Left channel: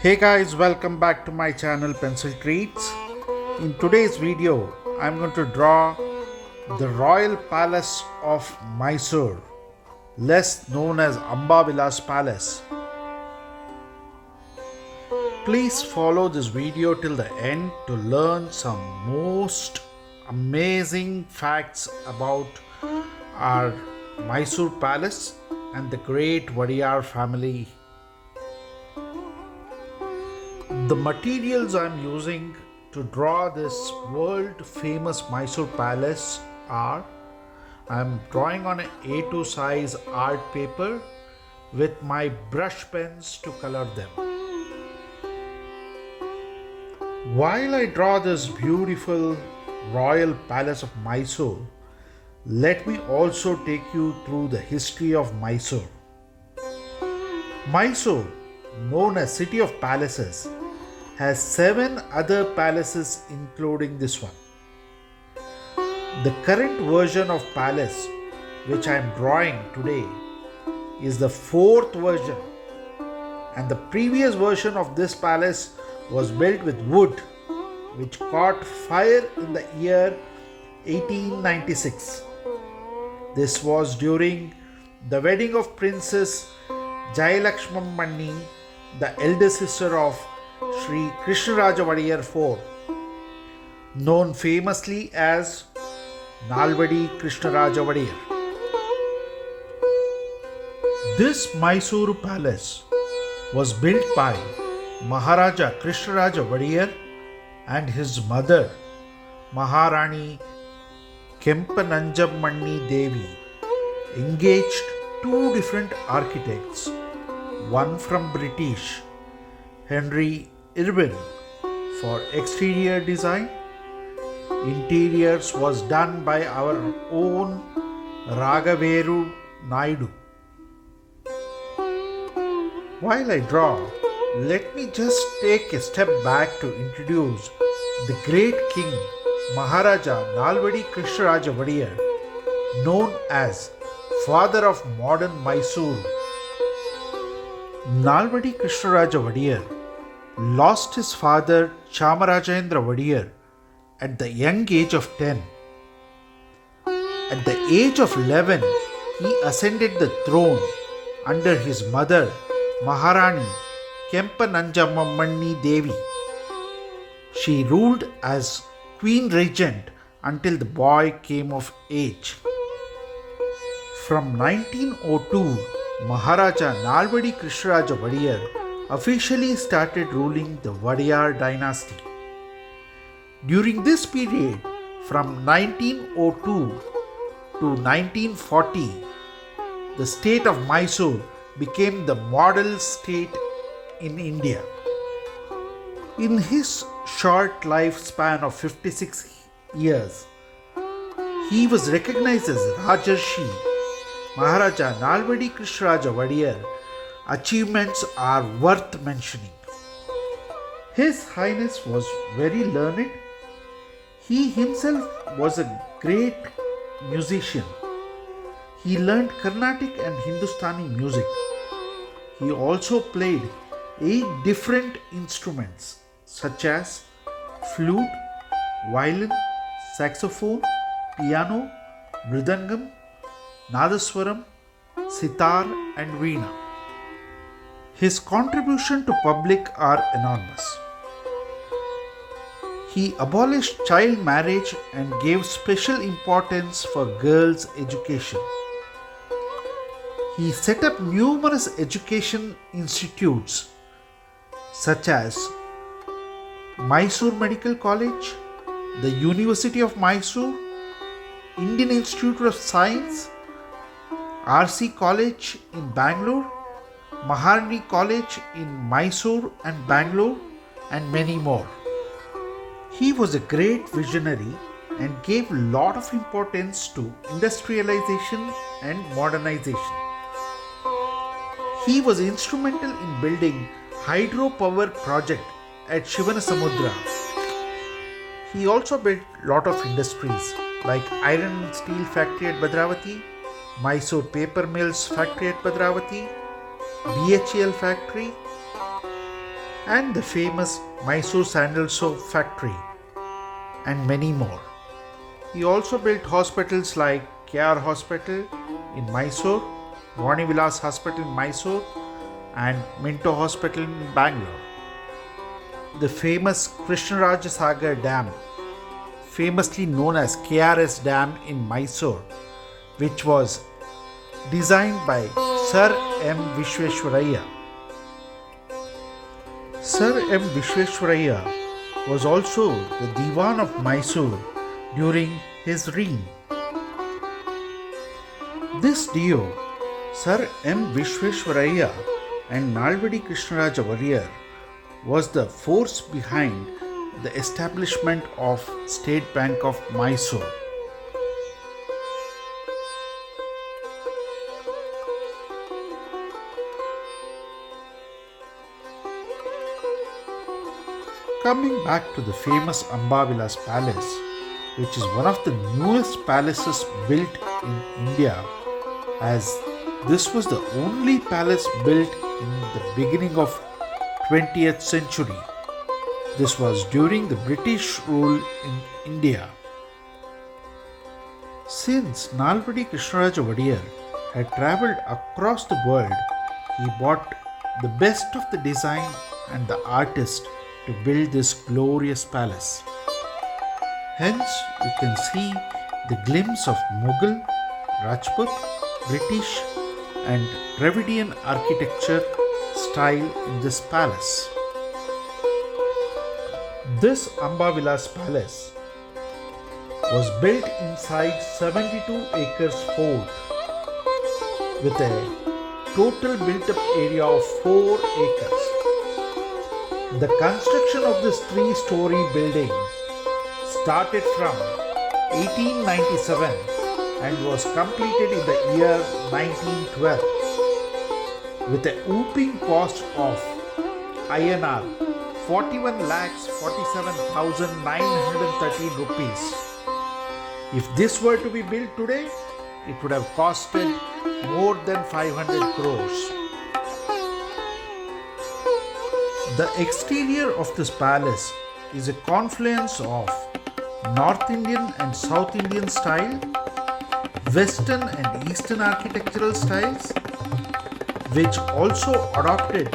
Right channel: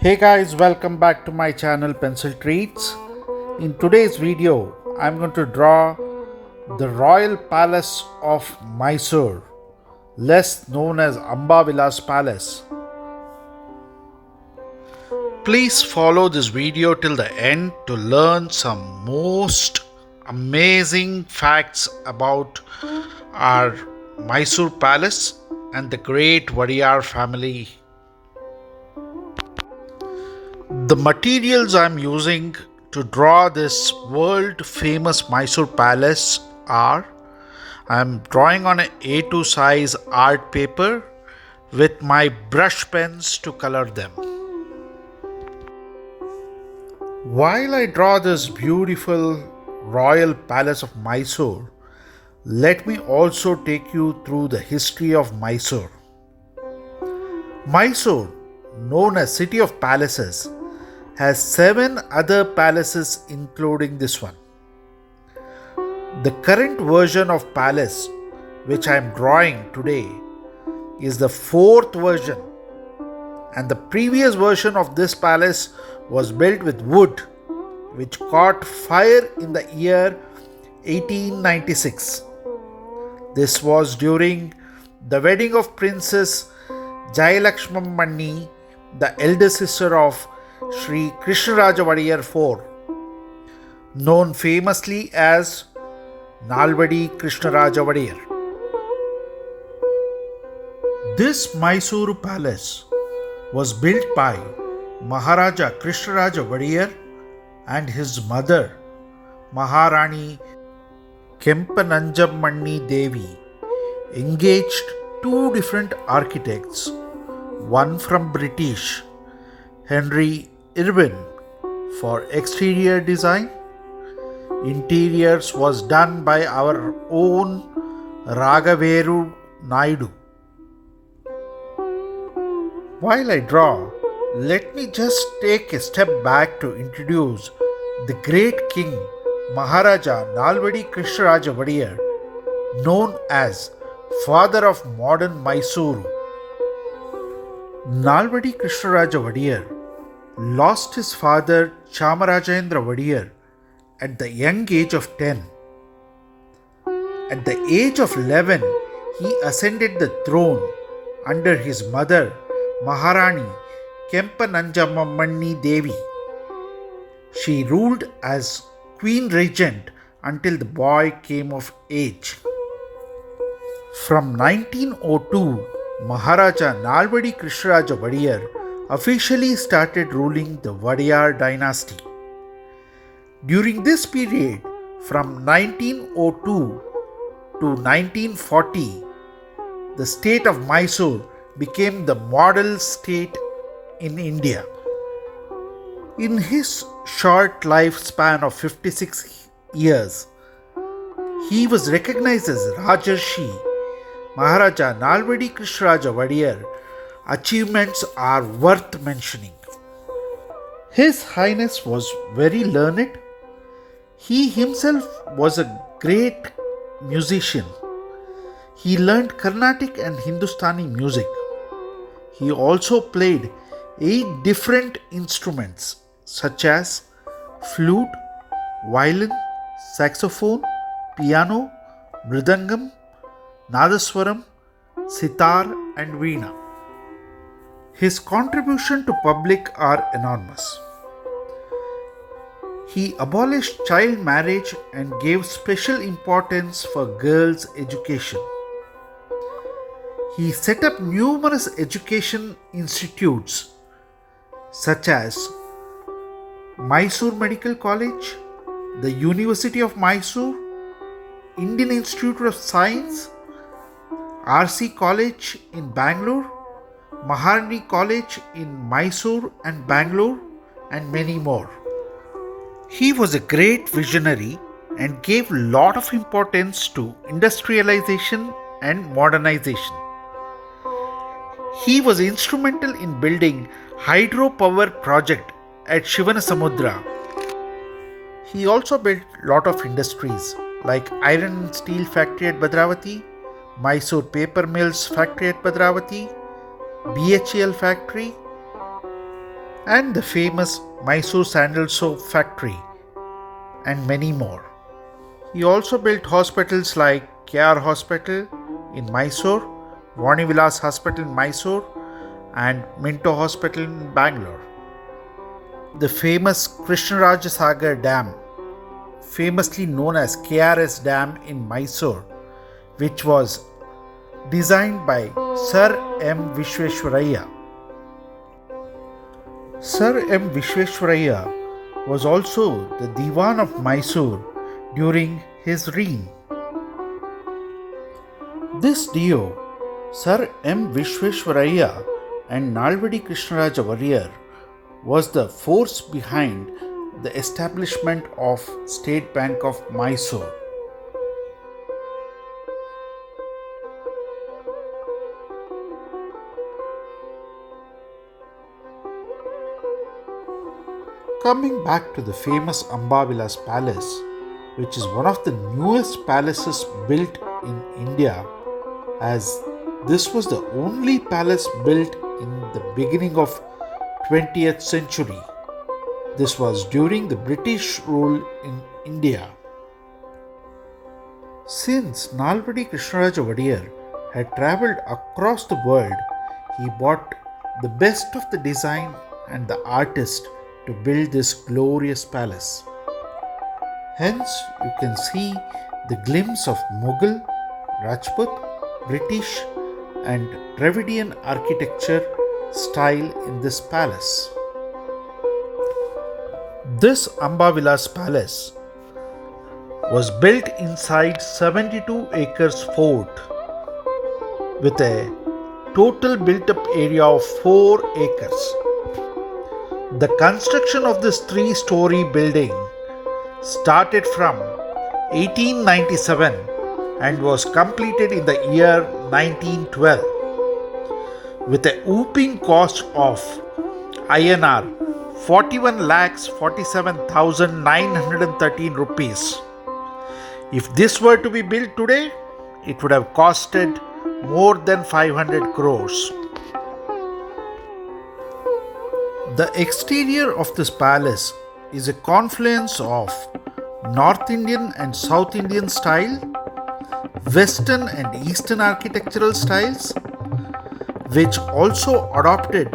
Hey guys, welcome back to my channel PencilTreats. In today's video, I'm going to draw the Royal Palace of Mysore, less known as Ambavilas Palace. Please follow this video till the end to learn some most amazing facts about our Mysore Palace and the great Wadiyar family. The materials I'm using to draw this world famous Mysore Palace are I'm drawing on an A2 size art paper with my brush pens to color them. While I draw this beautiful Royal Palace of Mysore, let me also take you through the history of Mysore. Mysore, known as City of Palaces, has 7 other palaces including this one. The current version of palace which I am drawing today is the 4th version, and the previous version of this palace was built with wood which caught fire in the year 1896. This was during the wedding of Princess Jayalakshmamani, the elder sister of Sri Krishnaraja Wadiyar IV, known famously as Nalvadi Krishnaraja Wadiyar. This Mysore palace was built by Maharaja Krishnaraja Wadiyar and his mother Maharani Kempananjamani Devi engaged 2 different architects, one from British, Henry Irwin, for exterior design. Interiors was done by our own Raghaveru Naidu. While I draw, let me just take a step back to introduce the great king Maharaja Nalvadi Krishnaraja Wadiyar, known as father of modern Mysore. Nalvadi Krishnaraja Wadiyar lost his father Chamarajendra Wadiyar at the young age of 10. At the age of 11, he ascended the throne under his mother Maharani Kempananjamani Devi. She ruled as Queen Regent until the boy came of age. From 1902, Maharaja Nalvadi Krishnaraja Wadiyar officially started ruling the Wadiyar dynasty. During this period, from 1902 to 1940, the state of Mysore became the model state in India. In his short lifespan of 56 years, he was recognized as Rajarshi. Maharaja Nalvadi Krishnaraja Wadiyar achievements are worth mentioning. His Highness was very learned. He himself was a great musician. He learned Carnatic and Hindustani music. He also played 8 different instruments such as flute, violin, saxophone, piano, mridangam, nadaswaram, sitar and veena. His contribution to public are enormous. He abolished child marriage and gave special importance for girls' education. He set up numerous education institutes such as Mysore Medical College, the University of Mysore, Indian Institute of Science, RC College in Bangalore, Maharani College in Mysore and Bangalore, and many more. He was a great visionary and gave a lot of importance to industrialization and modernization. He was instrumental in building hydropower project at Shivanasamudra. He also built a lot of industries like iron and steel factory at Bhadravati, Mysore paper mills factory at Bhadravati, BHEL factory, and the famous Mysore sandal soap factory, and many more. He also built hospitals like KR Hospital in Mysore, Vani Vilas Hospital in Mysore, and Minto Hospital in Bangalore. The famous Krishnaraja Sagar Dam, famously known as KRS Dam in Mysore, which was designed by Sir M. Vishveshwaraya. Sir M. Vishveshwaraya was also the Diwan of Mysore during his reign. This duo, Sir M. Vishveshwaraya and Nalvadi Krishnaraja Wadiyar, was the force behind the establishment of State Bank of Mysore. Coming back to the famous Ambavilas Palace, which is one of the newest palaces built in India, as this was the only palace built in the beginning of 20th century. This was during the British rule in India. Since Nalvadi Krishnaraja Wadiyar had travelled across the world, he bought the best of the design and the artist to build this glorious palace. Hence, you can see the glimpse of Mughal, Rajput, British and Dravidian architecture style in this palace. This Ambavilas Palace was built inside 72 acres fort with a total built-up area of 4 acres. The construction of this 3-story building started from 1897 and was completed in the year 1912 with a whopping cost of INR 41,47,913 rupees. If this were to be built today, it would have costed more than 500 crores. The exterior of this palace is a confluence of North Indian and South Indian style, Western and Eastern architectural styles, which also adopted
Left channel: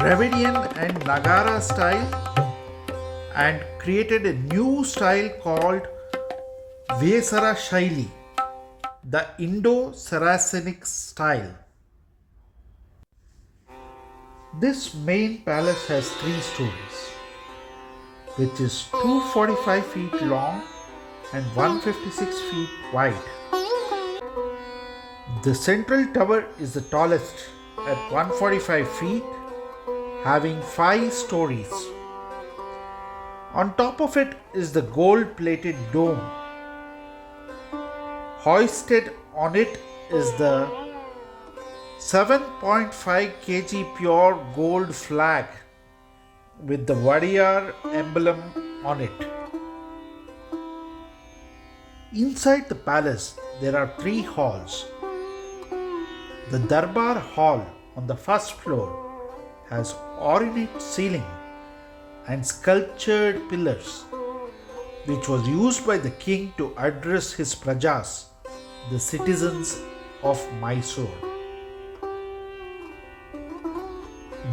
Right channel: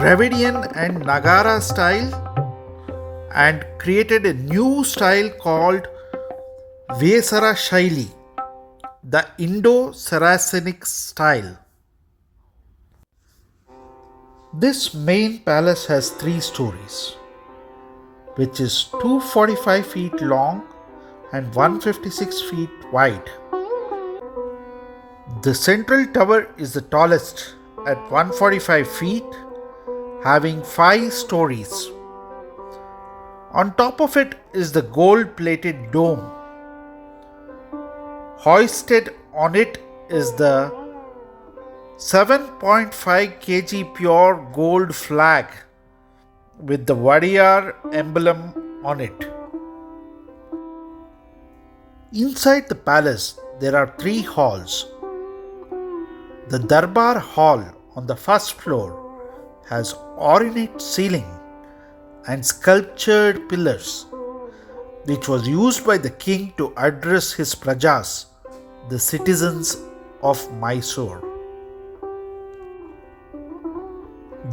Dravidian and Nagara style and created a new style called Vesara Shaili, the Indo-Saracenic style. This main palace has 3 stories, which is 245 feet long and 156 feet wide. The central tower is the tallest at 145 feet, having 5 stories. On top of it is the gold-plated dome. Hoisted on it is the 7.5 kg pure gold flag with the Wadiyar emblem on it. Inside the palace, there are 3 halls. The Darbar Hall on the first floor has ornate ceiling and sculptured pillars, which was used by the king to address his prajas, the citizens of Mysore.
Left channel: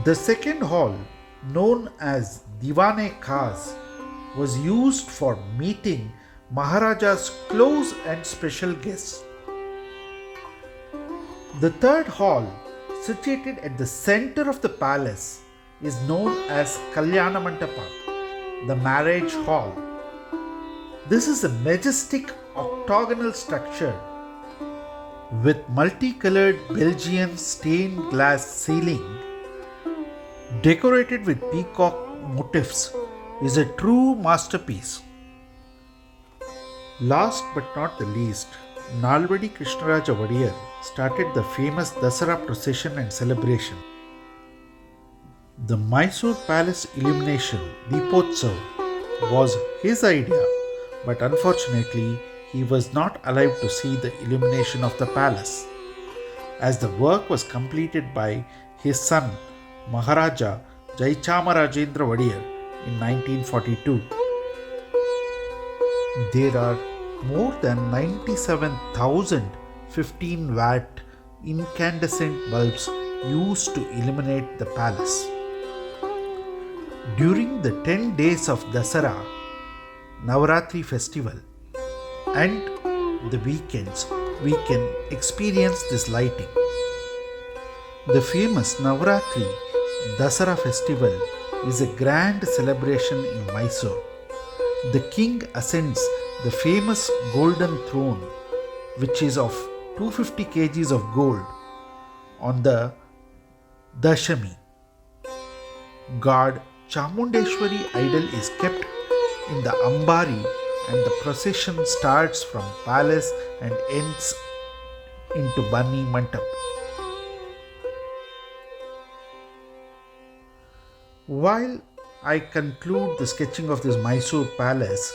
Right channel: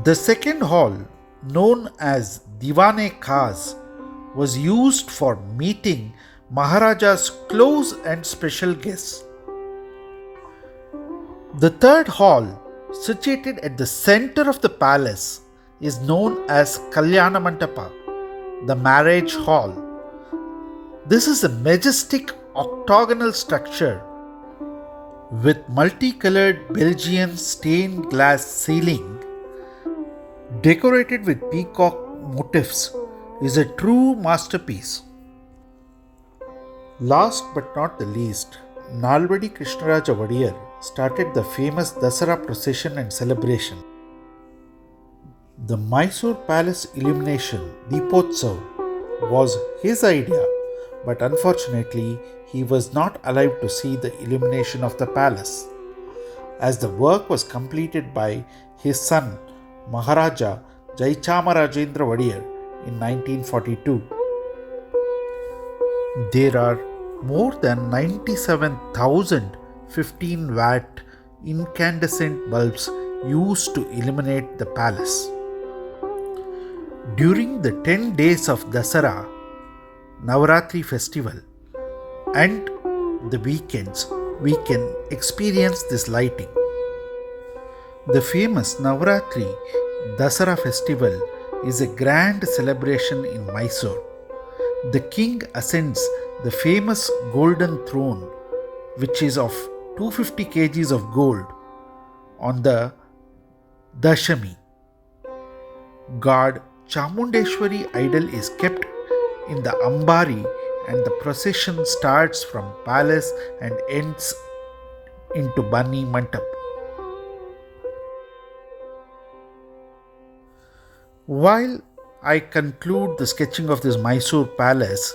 The second hall, known as Diwane-Khas, was used for meeting Maharaja's close and special guests. The third hall, situated at the center of the palace, is known as Kalyana Mandapa, the marriage hall. This is a majestic octagonal structure with multicolored Belgian stained glass ceiling decorated with peacock motifs. Is a true masterpiece. Last but not the least, Nalvadi Krishnaraja Wadiyar started the famous Dasara procession and celebration. The Mysore Palace illumination, Deepotsav, was his idea, but unfortunately, he was not alive to see the illumination of the palace, as the work was completed by his son Maharaja Jaichamarajendra Wadiyar in 1942. There are more than 97,000 15-watt incandescent bulbs used to illuminate the palace. During the 10 days of Dasara, Navaratri festival, and the weekends, we can experience this lighting. The famous Navaratri Dasara festival is a grand celebration in Mysore. The king ascends the famous golden throne, which is of 250 kgs of gold, on the Dashami. God Chamundeshwari idol is kept in the Ambari, and the procession starts from palace and ends into Bani Mantap. While I conclude the sketching of this Mysore palace,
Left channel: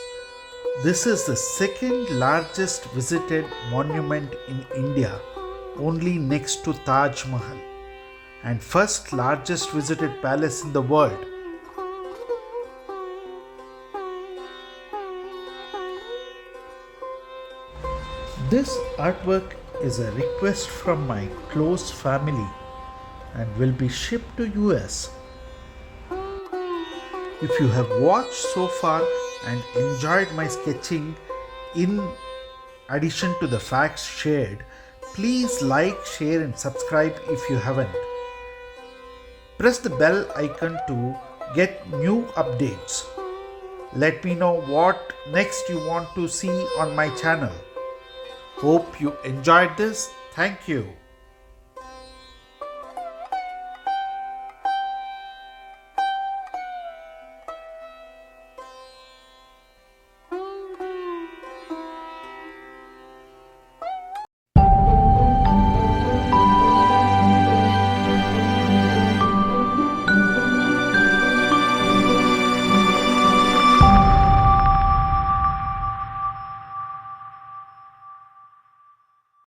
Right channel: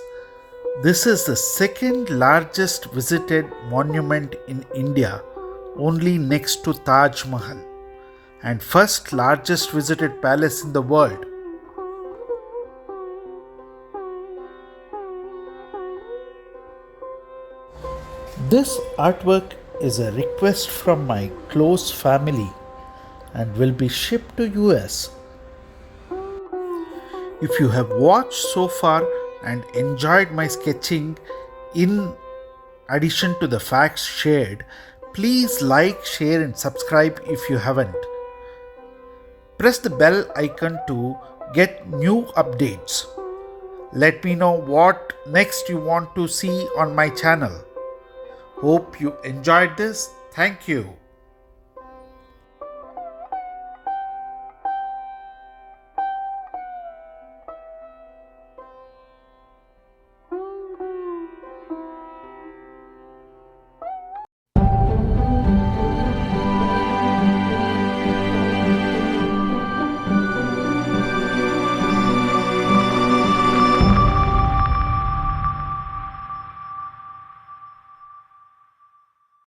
this is the second largest visited monument in India, only next to Taj Mahal, and first largest visited palace in the world. This artwork is a request from my close family and will be shipped to US. If you have watched so far and enjoyed my sketching in addition to the facts shared, please like, share and subscribe if you haven't. Press the bell icon to get new updates. Let me know what next you want to see on my channel. Hope you enjoyed this. Thank you.